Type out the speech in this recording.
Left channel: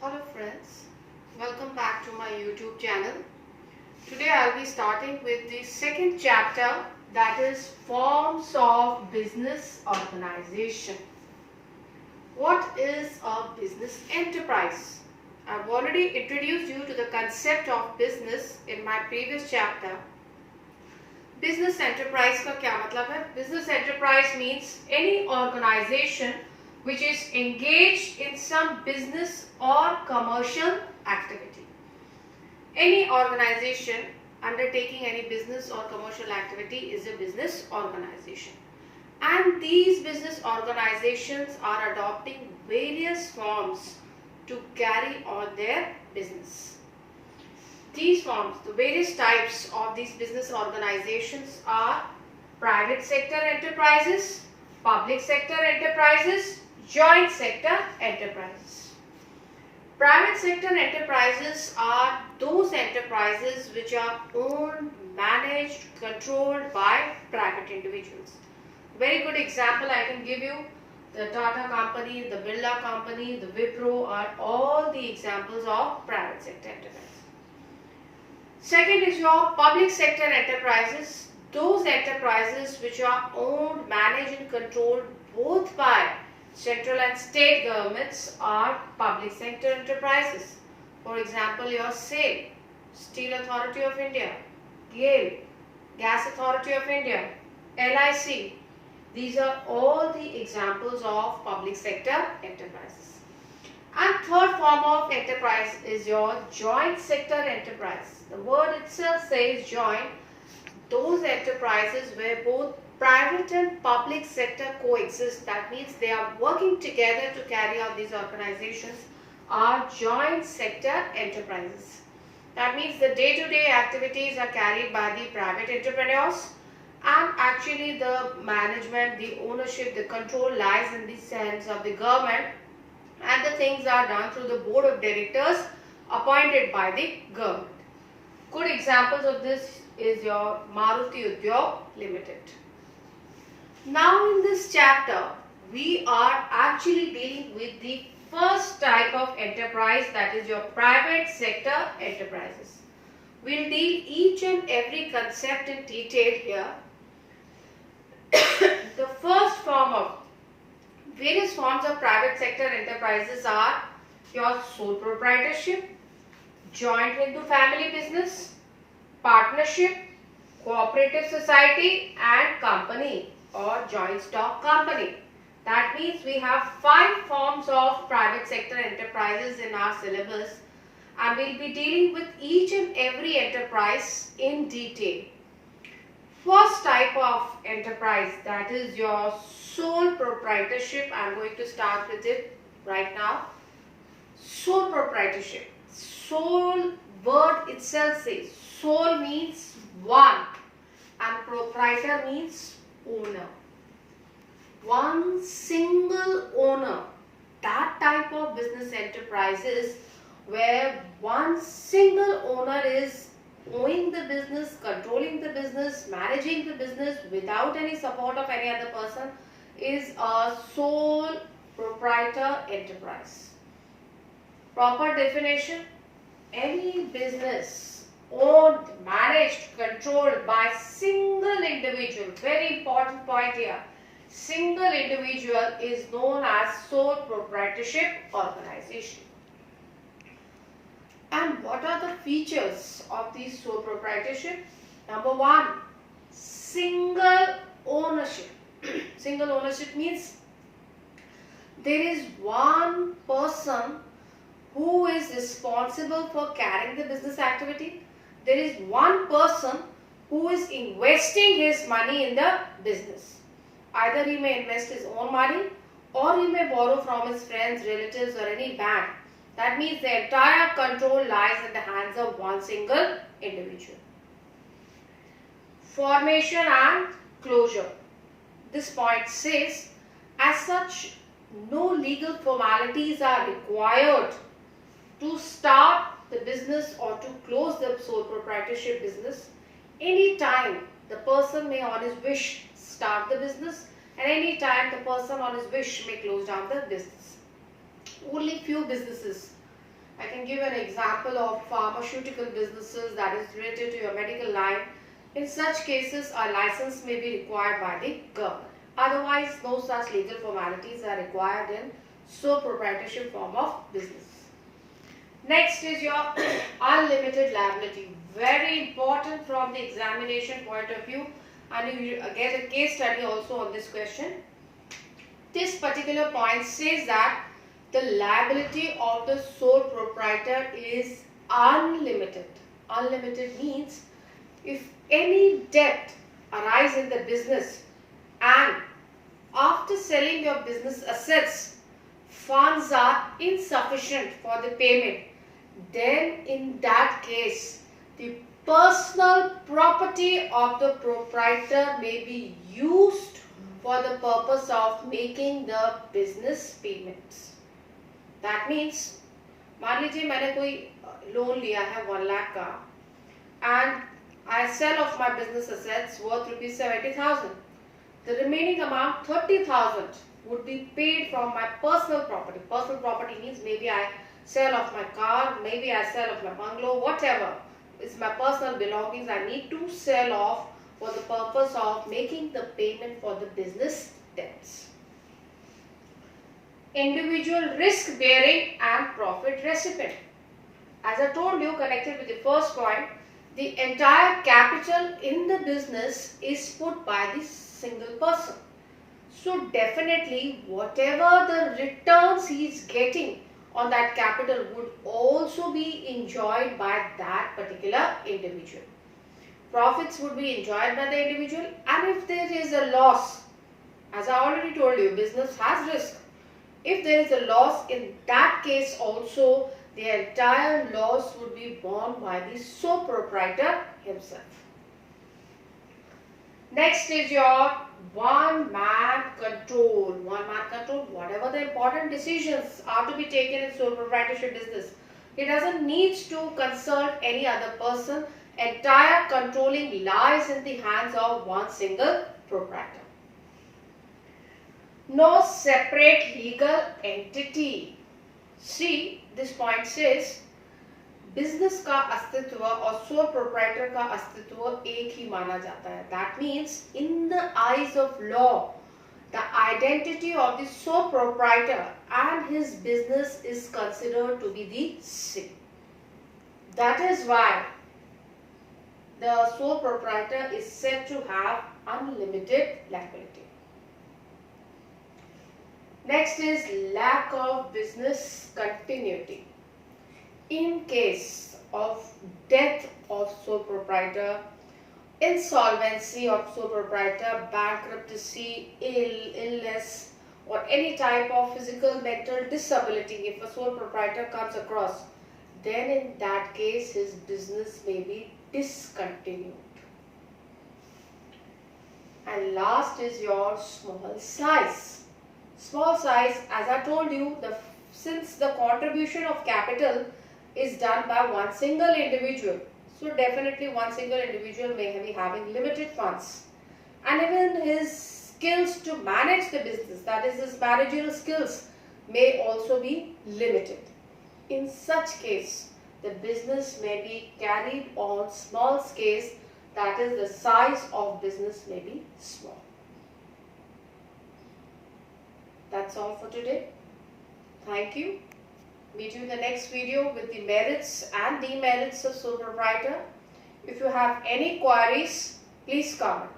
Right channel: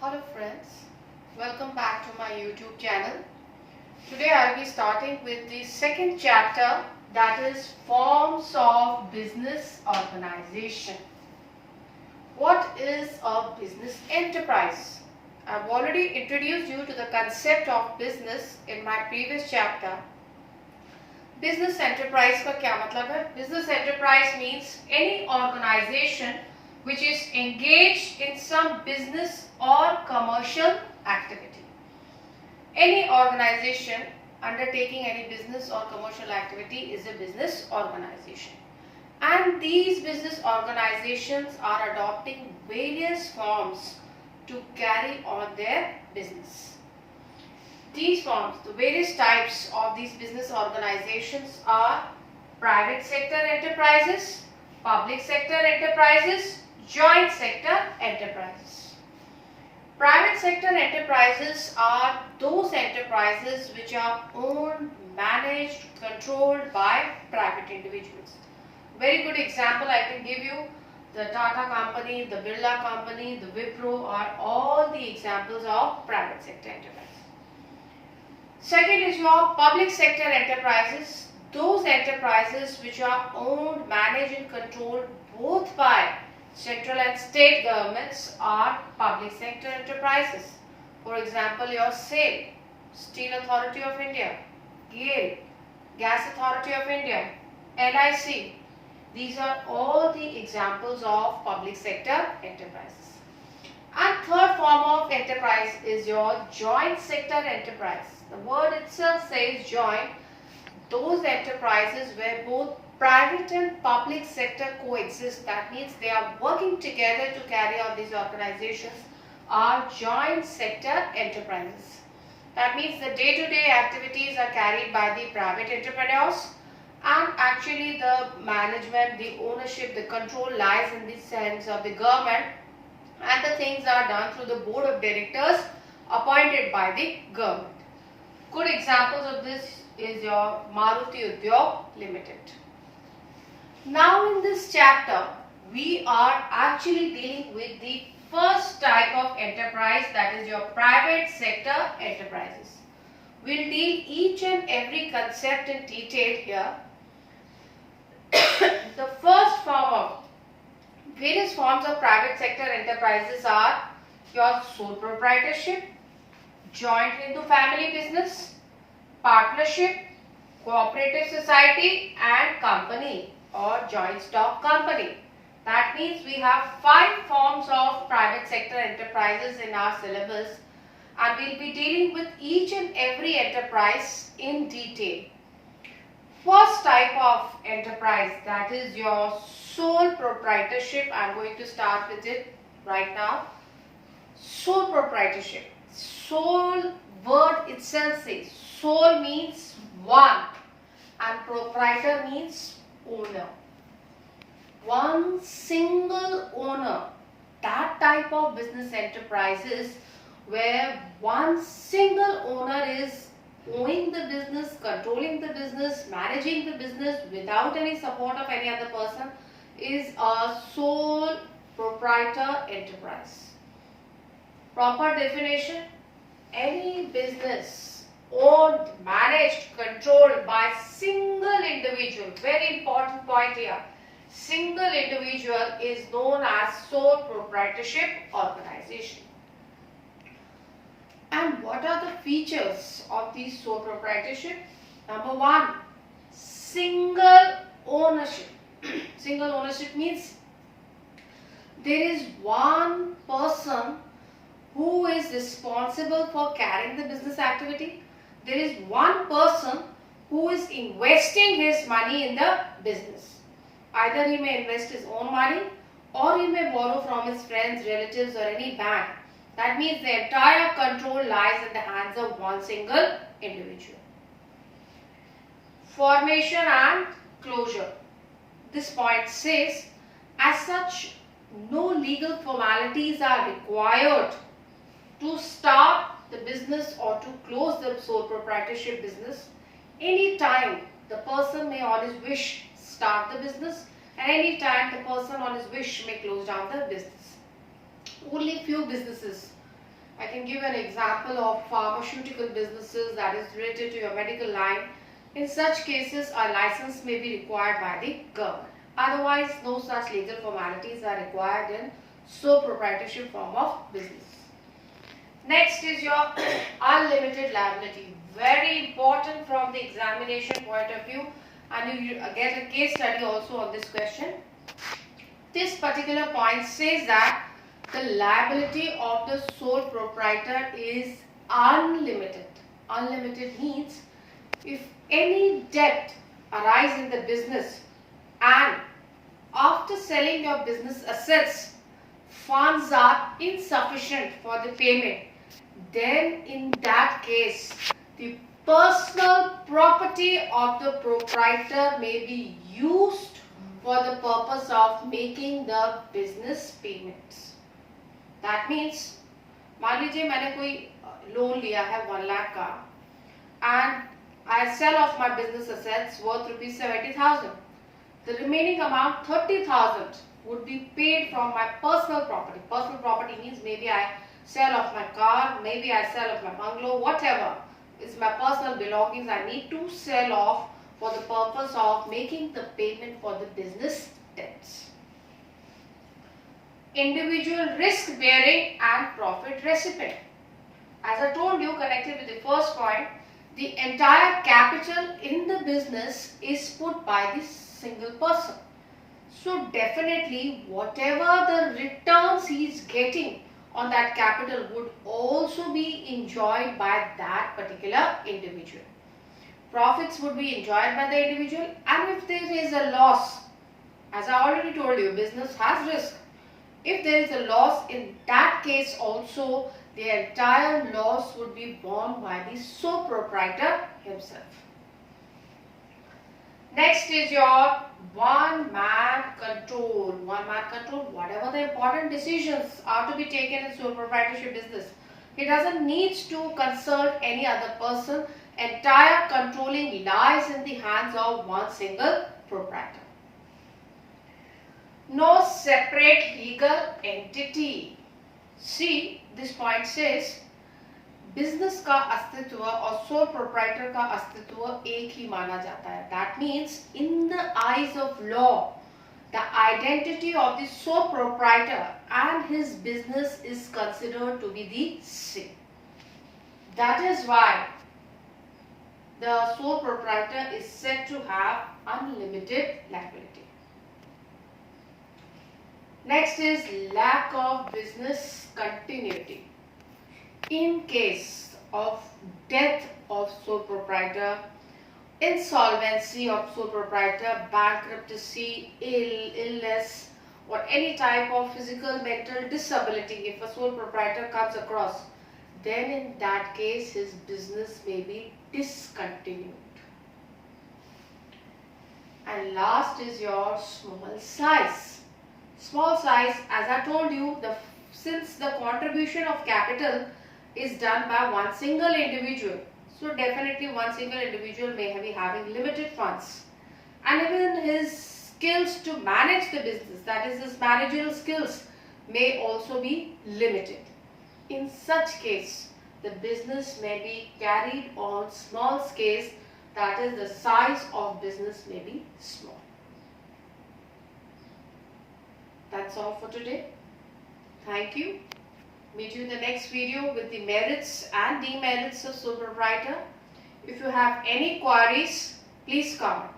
Hello friends, welcome back to my YouTube channel. Today I will be starting with the second chapter, that is forms of business organization. What is a business enterprise? I have already introduced you to the concept of business in my previous chapter. Business enterprise का क्या मतलब है? Business enterprise means any organization which is engaged in some business or commercial activity. Any organization undertaking any business or commercial activity is a business organization. And these business organizations are adopting various forms to carry on their business. These forms, the various types of these business organizations are private sector enterprises, public sector enterprises, joint sector enterprises. Private sector enterprises are those enterprises which are owned, managed, controlled by private individuals. Very good example I can give you. The Tata company, the Birla company, the Wipro are all the examples of private sector enterprises. Second is your public sector enterprises. Those enterprises which are owned, managed and controlled both by central and state governments are public sector enterprises. For example, your SAIL, Steel Authority of India, GAIL, Gas Authority of India, LIC. These are all the examples of public sector enterprises. And third form of enterprise is your joint sector enterprise. The word itself says joint. Those enterprises where both private and public sector coexist, that means they are working together to carry out these organizations, are joint sector enterprises. That means the day-to-day activities are carried by the private entrepreneurs, and actually the management, the ownership, the control lies in the hands of the government, and the things are done through the board of directors appointed by the government. Good examples of this is your Maruti Udyog Limited. Now in this chapter, we are actually dealing with the first type of enterprise, that is your private sector enterprises. We will deal each and every concept in detail here. The first form of various forms of private sector enterprises are your sole proprietorship, joint Hindu family business, partnership, cooperative society and company or joint stock company. That means we have 5 forms of private sector enterprises in our syllabus, and we will be dealing with each and every enterprise in detail. First type of enterprise, that is your sole proprietorship. I am going to start with it right now. Sole proprietorship. Sole word itself says, sole means one and proprietor means owner. One single owner. That type of business enterprises where one single owner is owning the business, controlling the business, managing the business without any support of any other person is a sole proprietor enterprise. Proper definition: any business owned, managed, controlled by single individual. Very important point here. Single individual is known as sole proprietorship organization. And what are the features of these sole proprietorship? Number 1, single ownership. Single ownership means there is one person who is responsible for carrying the business activity. There is one person who is investing his money in the business. Either he may invest his own money or he may borrow from his friends, relatives or any bank. That means the entire control lies in the hands of one single individual. Formation and closure. This point says, as such, no legal formalities are required to start the business or to close the sole proprietorship business. Any time the person may on his wish start the business, and any time the person on his wish may close down the business. Only few businesses I can give an example of pharmaceutical businesses that is related to your medical line. In such cases, a license may be required by the government. Otherwise, no such legal formalities are required in sole proprietorship form of business. Next is your unlimited liability. Very important from the examination point of view, and you get a case study also on this question. This particular point says that the liability of the sole proprietor is unlimited. Unlimited means if any debt arises in the business and after selling your business assets, funds are insufficient for the payment, then in that case, the personal property of the proprietor may be used for the purpose of making the business payments. That means, मान लीजिए मैंने कोई loan लिया है 1 lakh का and I sell off my business assets worth ₹70,000. The remaining amount 30,000 would be paid from my personal property. Personal property means maybe I sell off my car, maybe I sell off my bungalow, whatever is my personal belongings I need to sell off for the purpose of making the payment for the business debts. Individual risk bearing and profit recipient. As I told you, connected with the first point, the entire capital in the business is put by the single person. So definitely whatever the returns he is getting on that capital would also be enjoyed by that particular individual. Profits would be enjoyed by the individual, and if there is a loss, as I already told you, business has risk. If there is a loss, in that case also the entire loss would be borne by the sole proprietor himself. Next is your one-man control. One-man control, whatever the important decisions are to be taken in sole proprietorship business, he doesn't need to consult any other person. Entire controlling lies in the hands of one single proprietor. No separate legal entity. See, this point says business का अस्तित्व और sole proprietor का अस्तित्व एक ही माना जाता है. That means in the eyes of law, the identity of the sole proprietor and his business is considered to be the same. That is why the sole proprietor is said to have unlimited liability. Next is lack of business continuity. In case of death of sole proprietor, insolvency of sole proprietor, bankruptcy, illness, or any type of physical, mental disability, if a sole proprietor comes across, then in that case his business may be discontinued. And last is your small size. Small size, as I told you, since the contribution of capital is done by one single individual, so definitely one single individual may be having limited funds, and even his skills to manage the business, that is his managerial skills, may also be limited. In such case, the business may be carried on small scale, that is the size of business may be small. That's all for today. Thank you. Meet you in the next video with the merits and demerits of sole proprietor. If you have any queries, please comment.